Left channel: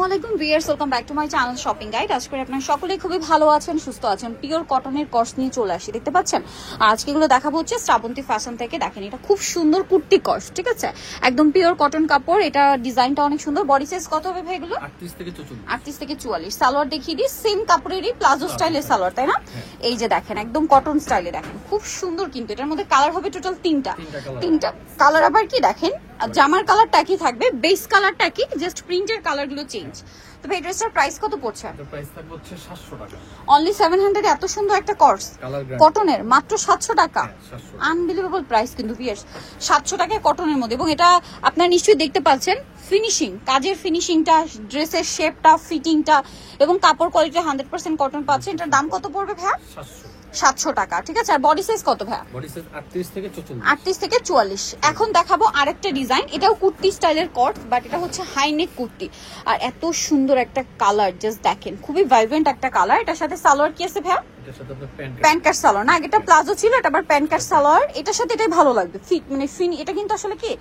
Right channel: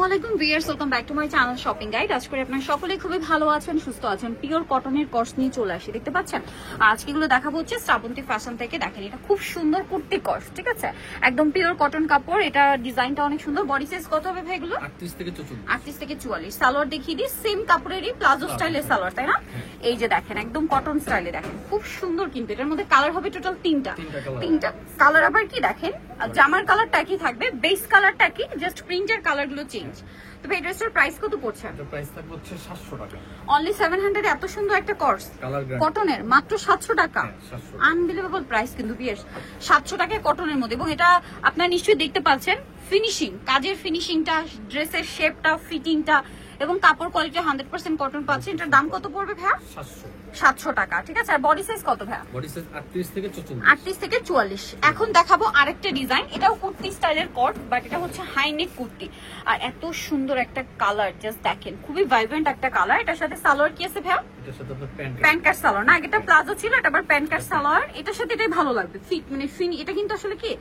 ওয়ালাইকুম viewers, welcome back to my channel shopping guide. আজকে আপনারা সকলেই খুবই ভালো আছেন, সুস্থ আছেন। পিওর কটনের কর্স নিয়ে চলে আসি, দেখতে পাচ্ছেন। আজকে এগুলো দেখাবো হচ্ছে শ্রাবন্তী ফ্যাশন থেকে। দেখেন, এটা খুব সুন্দর কুর্তি কর্স, ঠিক আছে, একদম পিওর কটন কাপড়। এটা ডিজাইনটা অনেক সুন্দর। বডি সাইজ কত হবে ভাই এগুলো? 38 থেকে 44। 38 থেকে 44। সালোয়ার দেখিয়ে দিই, সেম কাপড়েরই প্লাজো স্টাইলের সালোয়ার, তাই না? এই যে দেখেন, একদম কটন স্টাইলে, দেখেন খুব সুন্দর। কিন্তু এটার মধ্যে কালার হবে টোটাল তিনটা কালার। আবার কি দেখেন, জামার কালারটা কি থাকবে, বেস কালারটা কি, জাস্ট প্রিন্টের কালারগুলো চেঞ্জ। তবে এই ড্রেসটার প্রাইস কত পড়ছে? এটার প্রাইস থাকবে হচ্ছে 700 টাকা। অনলি 700 এত সুন্দর একটা কর্স কটনের, মাত্র 700 টাকা। আনবিলিভেবল প্রাইস কিন্তু ভিউয়ার্স, 700 টাকায় কটনের মধ্যে। এবং এটা আপনারা নিশ্চয়ই দেখতে পাচ্ছেন, ফিনিশিং, কাজের ফিনিশিংটা, ড্রেসের শেপটা, ফিটিংটা এবং কাপড় কোয়ালিটি 100% কটন পাচ্ছেন। এটার দাম কত পড়বে ভাইয়া? 700 টাকা, ঠিক আছে। আর বডি সাইজ কত ভাইয়া? বডি সাইজ 38 থেকে 44। 38 থেকে 44। এখন দেখাবো আরেকটা ডিজাইন। এটাও কুর্তি স্টাইলের কট, বাট এটা হচ্ছে হাই নেক কুর্তি। আর এত সুন্দর একটা কালার, জাস্ট দেখেন, খুবই ভাইব্রেন্ট একটা কালার। এটার সাথে সালোয়ার কি আছে ভাইয়া? এটার সাথে আপনার প্যান্ট কাট সালোয়ার না, এটা প্লাজো ছিল, এটা আবার প্যান্ট কাট সালোয়ার। এটার সাথে এটাই ভালো লাগবে, ফিট মানে এটা কিন্তু আসলে কি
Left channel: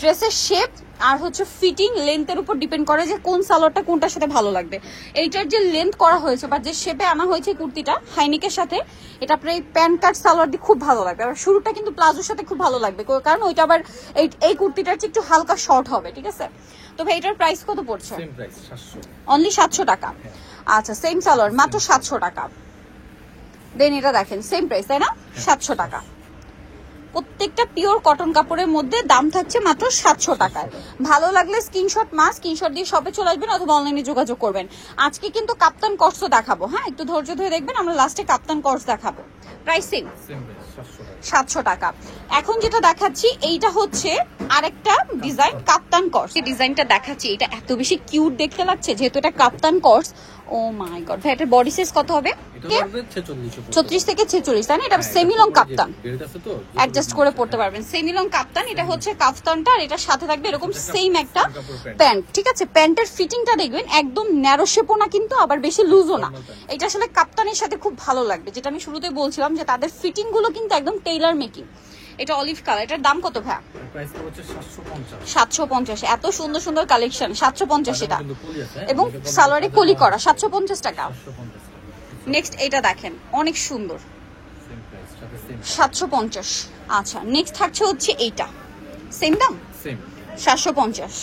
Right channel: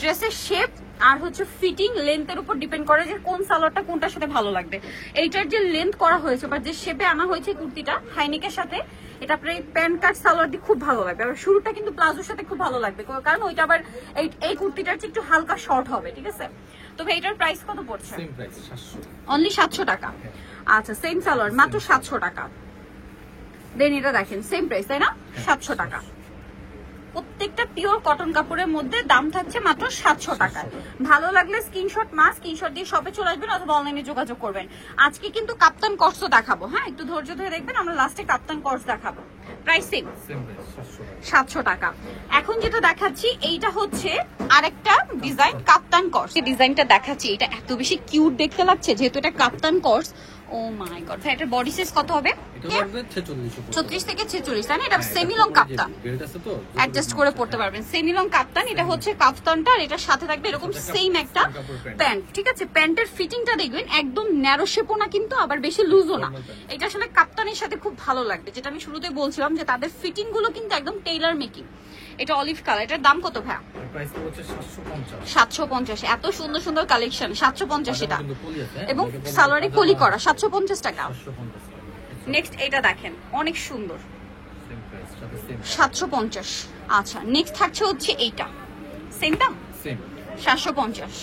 ড্রেসের শেপ আর হচ্ছে ফিটিং, লেন্থের উপর ডিপেন্ড করে যে কোন সালোয়ারটা কোনটার সাথে ভালো লাগবে। এইটার যে লেন্থ করা হয়েছে বা যে শেপে আনা হয়েছে কুর্তিটা হাইনেকের সাথে, এটা আপনার এই প্যান্ট কাট সালোয়ার দিয়ে খুব ভালো লাগবে। আর শুরুটা কিন্তু প্লাজোর সাথে খুব ভালো লাগবে, কারণ ওইটা আবার এই কুর্তিটার চেয়ে একটু হালকা শর্ট হবে, ঠিক আছে। তো ভাই এটার প্রাইস কত পড়ছে? Same price 700। অনলি 700 টাকা। আচ্ছা, সেম সালোয়ার মাত্র 700 টাকা। দেন এটা দেখেন, সেম প্রাইস, তাই না? 700 টাকা। প্রত্যেকটা পিওর কটন কাপড়ের মধ্যে দাম থাকছে মাত্র 700 টাকায়। ভালো লাগলে স্ক্রিনশট দিয়ে শপে চলে আসবেন অথবা অনলাইনে যোগাযোগ করবেন। আজকে কিন্তু কাপ্তান কর্সও দেখাবো, হ্যাঁ, একটু ধৈর্য ধরে দেখবেন। আমরা লাস্টে কাপ্তান কর্স দেখাবো। প্রাইসিং 700 টাকা। এখন যেটা দেখাচ্ছি এইটা হচ্ছে আরেকটা ডিজাইন, কাপ্তান কর্স। এই ডিজাইনটা দেখাচ্ছি, এটা এত বেশি কিউট দেখতে লাগছে যেহেতু এটা কাপ্তান কর্স। ও মাই গড, ভাই এটার বডি সাইজ কত হবে? 36 থেকে 46, তাই না? এটা সেমি লং কাপ্তান, অ্যাডজাস্ট করে পড়তে পারবেন। সেমি লং কাপ্তান, এটা হচ্ছে কাপ্তানটা। আর এটার সাথে থাকবে এরকম সেম একটা প্যান্ট, ঠিক আছে। প্যান্টের ফিটিংটা দেখবেন, একদম ন্যারো শেপও না কিন্তু আবার বেশি লুজও না। এটা আসলে কাপ্তানের সাথে খুব ভালো লাগবে, যেটা আমি শুরুতে বলছিলাম যে তাদের ফিটিং গুলো কিন্তু একদম টেইলার মেকিং। এটা অলিভ কালার। এটার দাম কত ভাইয়া? 750। এত সুন্দর সুন্দর কালেকশন, 750 এটা। এবং সালোয়ারে কলি করা, 750 টাকা। নেক্সট এটা দেখেন, অনেক সুন্দর, 750। আচ্ছা, নেক্সট থাকছে হচ্ছে এইটা, সেম দাম 750।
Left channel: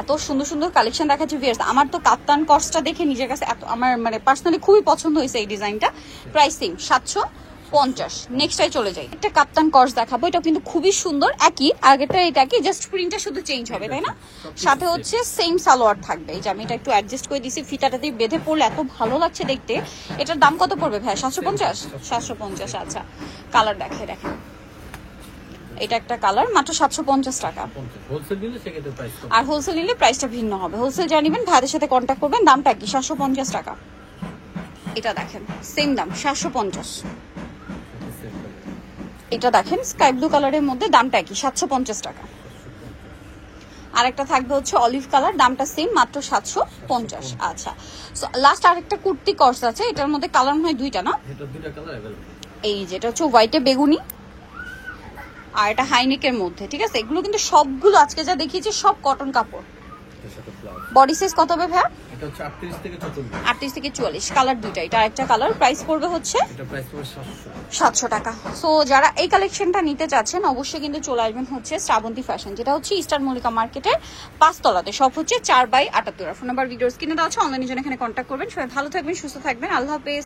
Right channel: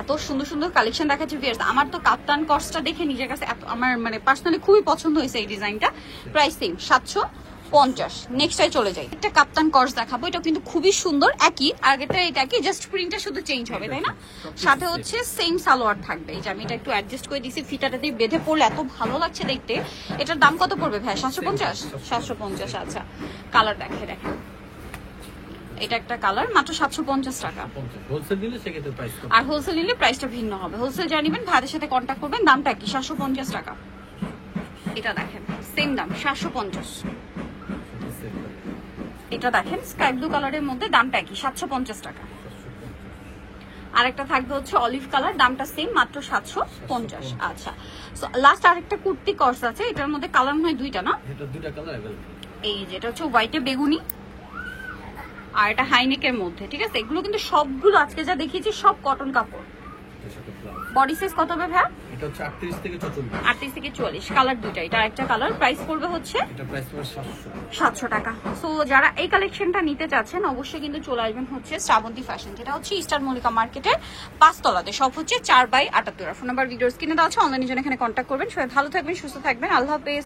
এত সুন্দর সুন্দর কালেকশন দেখাচ্ছে ভিউয়ার্স। আমার তো কাপ্তান কর্সটা দেখে নিজের কাছে এত, আমার মানে পার্সোনালি খুবই পছন্দ হয়েছে এই ডিজাইনটা। প্রাইসিং 750। নেক্সটটাই চলে যাই, একটা কাপ্তান কর্স দেখাবো। এটা কিন্তু খুবই সুন্দর, একই আগেটা, এটা কি জাস্ট প্রিন্টটা শুধু চেঞ্জ হবে, তাই না? সাথে হচ্ছে সেম সালোয়ার থাকবে। এই যে আমি এটা একটু অ্যাডজাস্ট করে দিয়েছি, ফিতাটা দিয়ে বেঁধে পড়লে এত ভালো লাগছে দেখতে। এটার দাম কত পড়বে ভাই? 750। 750। আচ্ছা, কালার দেখেন, এটা একটা কালার, মাত্র 750 টাকা। আর হোলসেল নিলে প্রাইসটা ভিন্ন হবে। হোলসেল জানিবেন, ভাইদের সাথে কন্ট্যাক্ট করবেন। দামটা কি? 750 টাকা। এটা দেখেন, সেম দাম 750। এটা দেখেন স্কাই ব্লু কালারের মধ্যে, দামটা কি? 750 টাকা। আরেকটা থাকবে হচ্ছে অলিভ কালার, দামটা সেম, মাত্র 750। আচ্ছা, লাস্ট আরেকটা কুর্তি কর্স আছে। এটার মধ্যে কালার হয় দুইটা, না? এই যেটা হচ্ছে হোয়াইটে বেগুনি, আর এটা হাইনেকের মধ্যে, ঠিক আছে। এগুলো কিন্তু সবগুলো আজকে যা দেখিয়েছি সব কটন কাপড়। বডি সাইজ কত হবে ভাই? এটা হচ্ছে 38 থেকে 44। 38 থেকে 44, কালার দুটো। এটা একটা কালার, প্রাইস পড়বে হচ্ছে এটা প্রাইস পড়বে 700 টাকা। সো যারা এই কালেকশনটা নিতে চাচ্ছেন অবশ্যই কিন্তু চলে আসবেন হচ্ছে শ্রাবন্তী ফ্যাশন, যেটা হচ্ছে ইস্টার্ন মল্লিকা মার্কেটের 5 তলাতে। সব হচ্ছে 4/78। ফোন নাম্বার ভিডিও স্ক্রিনে দেওয়া আছে, অনলাইনে যেন এখানে কন্ট্যাক্ট করবেন। সবাই ভালো থাকবেন, সুস্থ থাকবেন, আল্লাহ হাফেজ।